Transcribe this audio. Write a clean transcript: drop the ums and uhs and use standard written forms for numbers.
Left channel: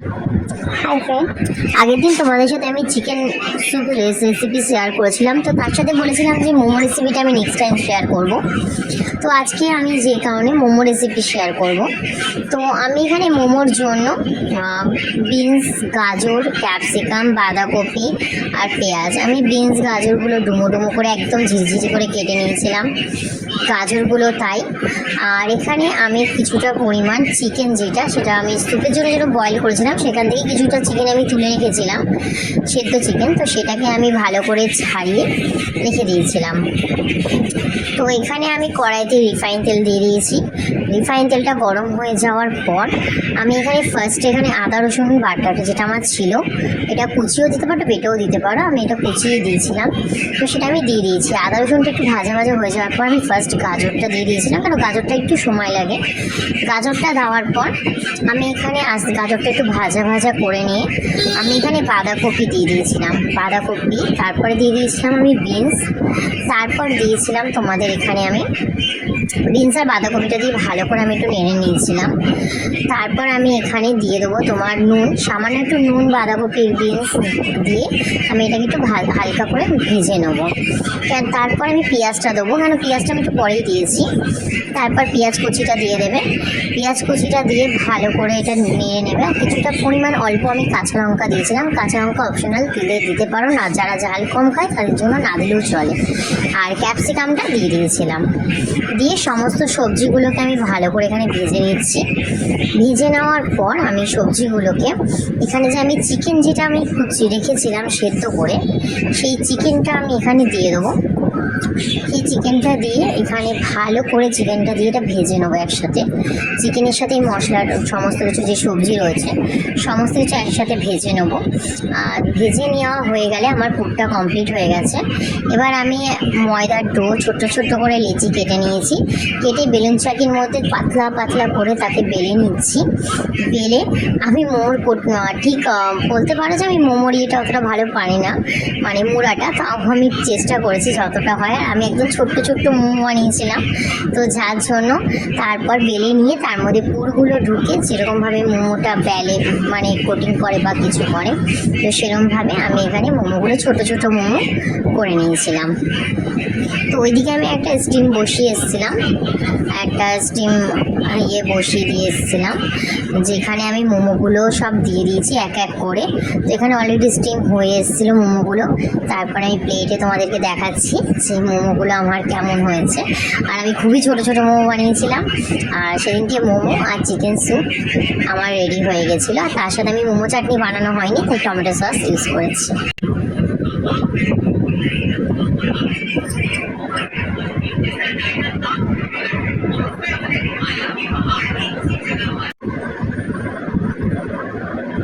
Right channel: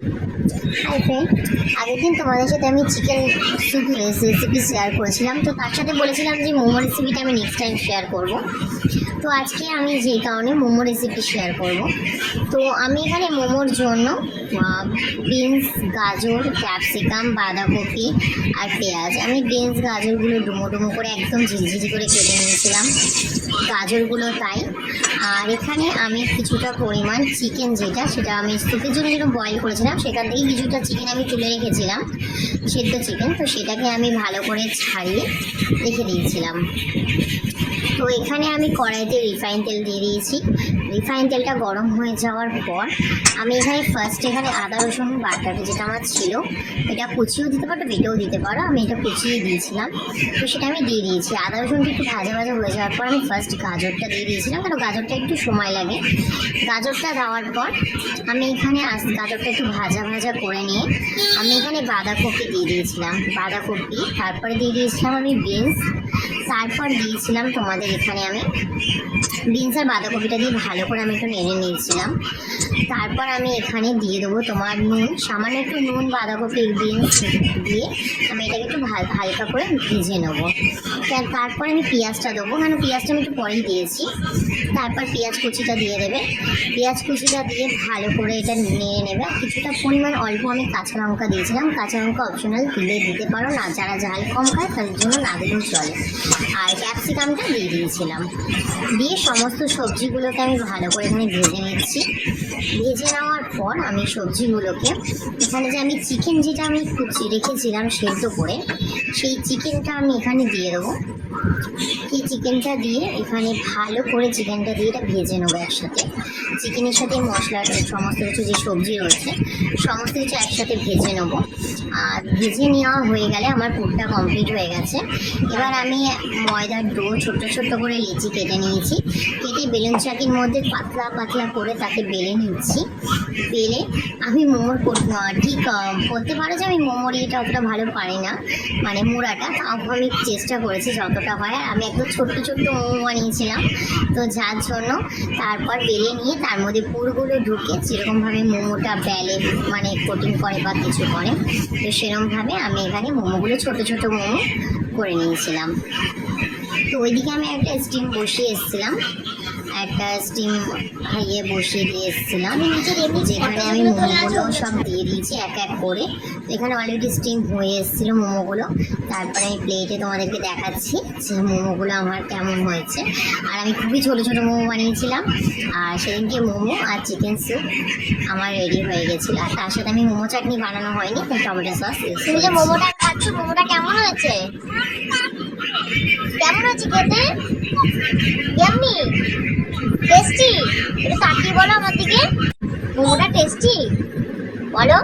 Hi friend, আগের দিন তোমাদের সাথে আমি চিকেন স্যুপ রেসিপি শেয়ার করেছিলাম। তো তার সাথে বলেছিলাম যে মোমো রেসিপিটা আমি নেক্সট টাইম শেয়ার করব। তো আজকে আমি যে কারণে মোমো রেসিপি শেয়ার করব। তো আমি এখানে মোমোর জন্য বিনস, গাজর, ক্যাপসিকাম, বাঁধাকপি আর পেঁয়াজ, আমি বিনস গাজরগুলো ডুমো ডুমো করে একদম ঝিঝিঝি করে কেটে নিয়েছিলাম, গাজরগুলো তাই। আর এখানে আমি কিছুটা পরিমাণ চিকেন, সেটা আমি স্যুপের জন্য যেটা বয়েল করেছিলাম সেখান থেকেই কিছুটা চিকেন আমি তুলে রেখেছিলাম, সেদ্ধ চিকেন। তো সেটাকে আমি ভালো করে ছাড়িয়ে রেখে দিয়েছিলাম। তো এখানে আমি কড়াইতে রিফাইন তেল দিয়ে দিয়েছি। রিফাইন তেলটা গরম হয়ে যাওয়ার পর আমি এখানে এখানে আদা রসুন বাটাটা যেটা আমার ছিল, এটা কুচিয়েও দিতে পারো, বেটেও দিতে পারো। আমি এটা কুচিয়ে দিয়েছিলাম, তো সেটা আমি দিয়ে দিয়েছি। আদা রসুনটা একটু ভাজা ভাজা হয়ে যাওয়ার পর আমি গাজরটা দিয়ে দিয়েছিলাম, কারণ গাজরটা একটু সময় লাগে। গাজরটা দেওয়ার পর আমি এখানে গাজরটা একটু ভাজা ভাজা করে নিয়ে আমি এখানে বাঁধাকপি দিয়ে দিয়েছিলাম, তারপরে দিয়ে দিয়েছিলাম আমি বিনস, তারপর দিয়েছিলাম তোমাদের এখানে আমি বিনস আর বাঁধাকপিটা দিয়ে ভালো করে আমি একটু নেড়ে নিয়েছিলাম। তারপর আমি এখানে দিয়ে দেবো তোমার নুন, সামান্য একটু নুন, বাঁধাকপির বিনস দিয়ে আমি এটাকে একটু হালকা করে ভেজে নেবো। তারপর আমি পেঁয়াজটা দেবো, কেন পেঁয়াজটা আমি একটু পরেই দিয়েছি। তারপর পেঁয়াজ কুচিটা দিয়ে দেবে, পেঁয়াজ কুচিটা দিয়ে ভালো করে এটা নেড়ে নেবে। আর কিছুটা পরিমাণ অল্প আমি কাঁচা লঙ্কা দিয়েছিলাম, কাঁচা লঙ্কা অপশনাল, দিতে পারো না, যারা ঝাল কম খায় তাদের জন্য না দিলেও চলে। আর ক্যাপসিকামটা দিয়ে দিয়েছিলাম, দিয়ে সমস্ত সবজিগুলোকে আমি ভালো করে এখানে ভেজে নিচ্ছি। ভেজে নেওয়ার পর আমি সবজিগুলোকে এখানে যে আমি চিকেন যেটা আমি রেখেছিলাম সেদ্ধ করে, সেই চিকেনটা আমি এখানে দিয়ে দেবো। এই চিকেনটা দিয়ে এখানে ভালো করে চিকেনটা দিয়ে এটা ভেজে নেবো একসাথে। চিকেনের সাথে মশলার সমস্ত কিছু যে সবজি রয়েছে সমস্ত কিছু একসাথে ভেজে নেবো। আর ভেজে নেওয়া হয়ে গেলে আমার পুরটা কমপ্লিট হয়ে গেছে। এবার আমি ময়দার ডো ছোট্ট ছোট্ট করে লেচি কেটে নিয়েছি, কেটে বেলুন চাকির মধ্যে পাতলা পাতলা করে তাকে বেলে নিচ্ছি। বেলে আমি মোমোর ঠিক বলতে পারো যে আমি মোমোর ইয়েটা অতটা ভালো পারি না, মানে মুড়াটা, তাও আমি চেষ্টা করেছি যতটা হয়। আমি একদম ছোট্ট ছোট্ট মোমো বানিয়েছিলাম, তো যার জন্য তারপর বেলে নিয়ে তার মধ্যে পুরগুলো ঢুকে যেরকমভাবে মোমোটা বেলে মানে কোটিং করে বা কিছু করে, তো সেরকমভাবে আমি এখানে মোমোগুলো ছোট ছোট মোমো করে নিয়েছিলাম। তো ওইদিকে আমি একটা স্টিম বসিয়ে এসেছিলাম, বসিয়ে দিয়ে এসেছিলাম, যেখানে আমি মোমোগুলো সব দিয়ে দিয়েছি এক এক করে। তো এখানে অলরেডি স্টিম হয়ে এসেছিলো মোমোগুলো। তারপরে আমি প্লেটে তোমাদেরকে দেখাচ্ছি যে মোমোগুলো আমার কেমন হয়েছে। আর আমি খুবই ছোট ছোট মোমো বানিয়েছিলাম। আর সেদিনকে মোমো আর চিকেন স্যুপ আমার রেডি হয়ে গেছিলো। আর তার সাথে আমি মোমো চাটনি বানানো হয়নি, তাই টমেটো সস ইউজ করেছি। মোমোটা কেমন হয়েছে? কেমন হয়েছে খেতে? Yummy, tasty? তাকিয়ে বলো আমার দিকে, মোমোটা টেস্টি বলো।